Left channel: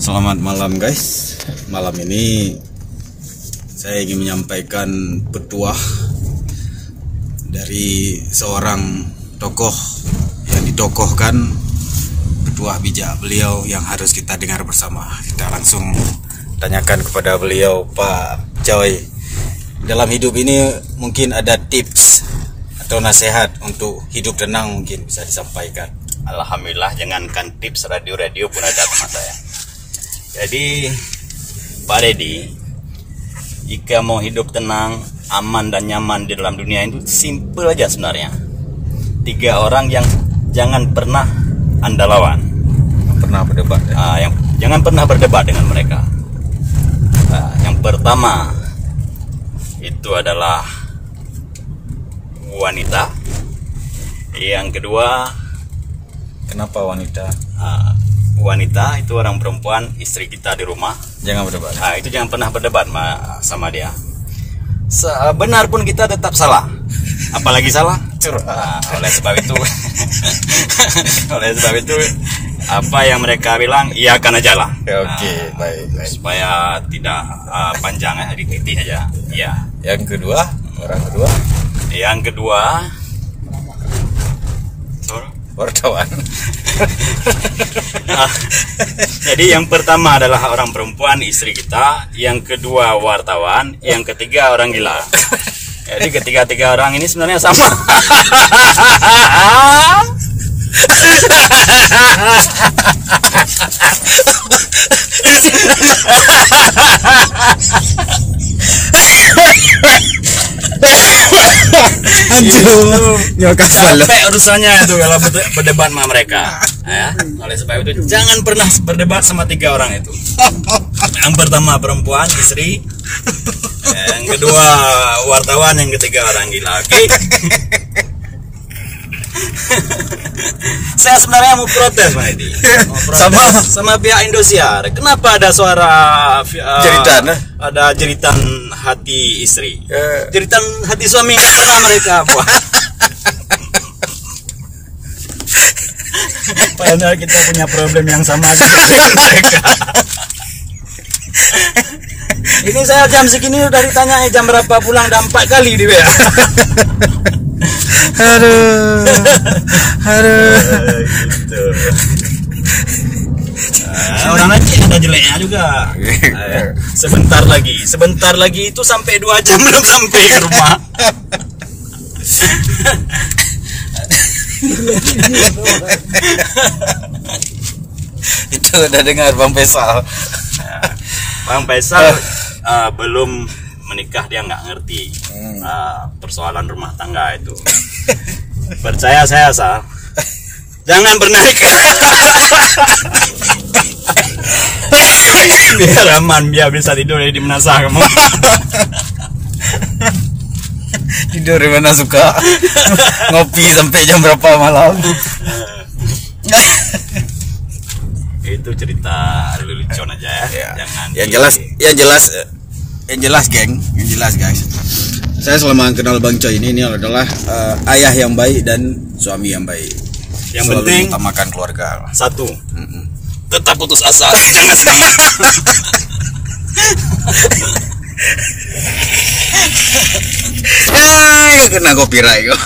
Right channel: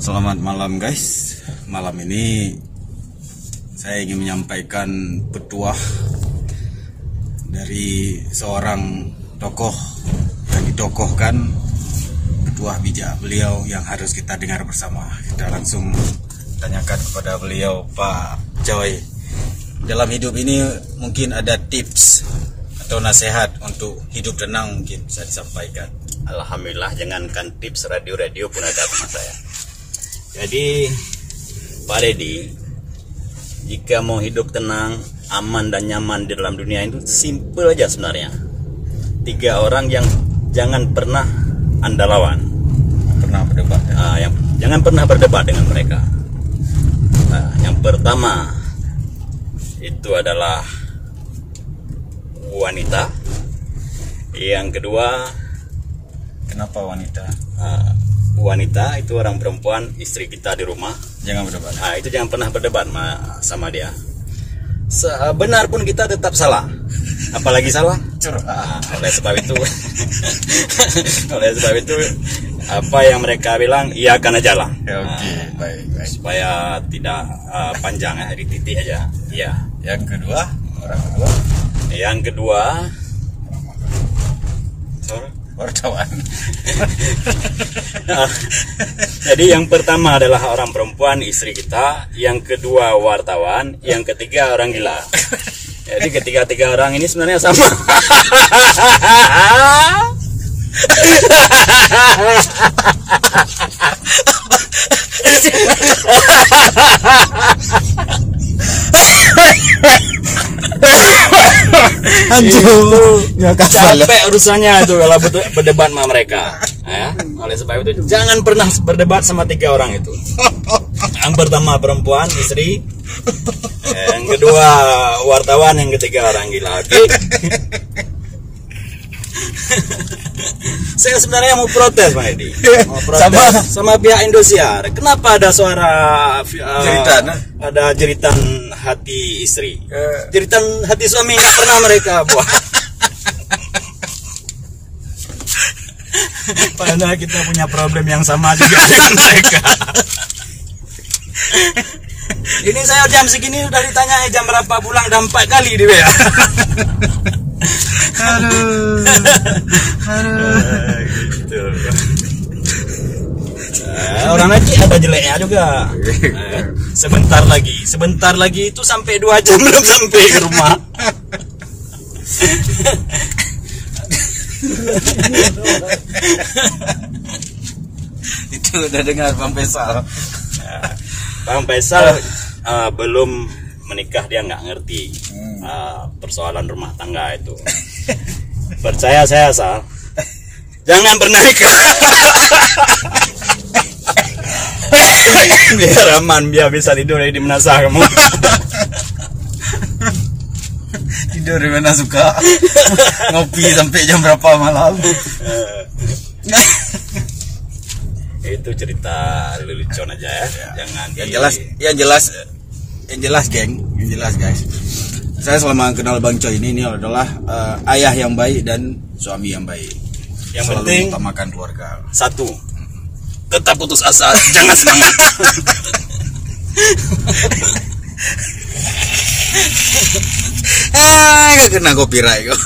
Selamat malam guys. Malam ini saya ingin menyampaikan petuah dari seorang tokoh yang ditokohkan, petuah bijak beliau yang harus kita dengar bersama. Kita langsung tanyakan kepada beliau, Pak Joy. Dalam hidup ini mungkin ada tips atau nasihat untuk hidup tenang, mungkin bisa disampaikan. Alhamdulillah, jangankan tips, radio pun ada sama saya. Jadi Pak Deddy, jika mau hidup tenang, aman dan nyaman di dalam dunia itu simple aja sebenarnya. 3 orang yang jangan pernah Anda lawan. Pernah berdebat ya? Jangan pernah berdebat dengan mereka. Yang pertama itu adalah wanita. Yang kedua, kenapa wanita? Wanita itu orang perempuan, istri kita di rumah. Jangan berdebat. Itu jangan pernah berdebat sama dia. Benar pun kita tetap salah. Apalagi salah. Oleh sebab itu, apa yang mereka bilang, iyakan aja lah. Oke, baik. Supaya tidak panjang ya, titik aja. Iya. Yang kedua, wartawan. Jadi yang pertama adalah orang perempuan, istri kita. Yang kedua wartawan. Yang ketiga orang gila. Jadi ketiga orang ini sebenarnya sama. Capek urusannya itu kalau berdebat sama mereka. Oleh sebab itu jangan pernah berdebat sama 3 orang itu. Yang pertama perempuan, istri. Yang kedua wartawan, yang ketiga orang gila. Oke? Saya sebenarnya mau protes, Pak Edi. Sama pihak Indosiar. Kenapa ada suara jeritan hati istri, jeritan hati suami nggak pernah mereka buat. Padahal kita punya problem yang sama juga dengan mereka. Ini saya jam segini udah ditanya jam berapa pulang, dan 4 kali di WA. Gitu. Orang lagi ada jeleknya juga. Sebentar lagi itu sampai 2 jam belum sampai ke rumah. Itu udah dengar Bang Faisal. Bang Faisal belum menikah, dia nggak ngerti persoalan rumah tangga itu. Percaya saya, Sal. Jangan pernah nikah. Biar aman, biar bisa tidur di mana sah kamu. Tidur di mana suka. Ngopi sampai jam berapa malam. Itu cerita lelucon aja ya. Jangan yang jelas geng, guys. Saya selama kenal Bang Coy ini adalah ayah yang baik dan suami yang baik. Yang selalu penting utamakan keluarga. 1, tetap putus asa, jangan semangat. Kena copyright kok.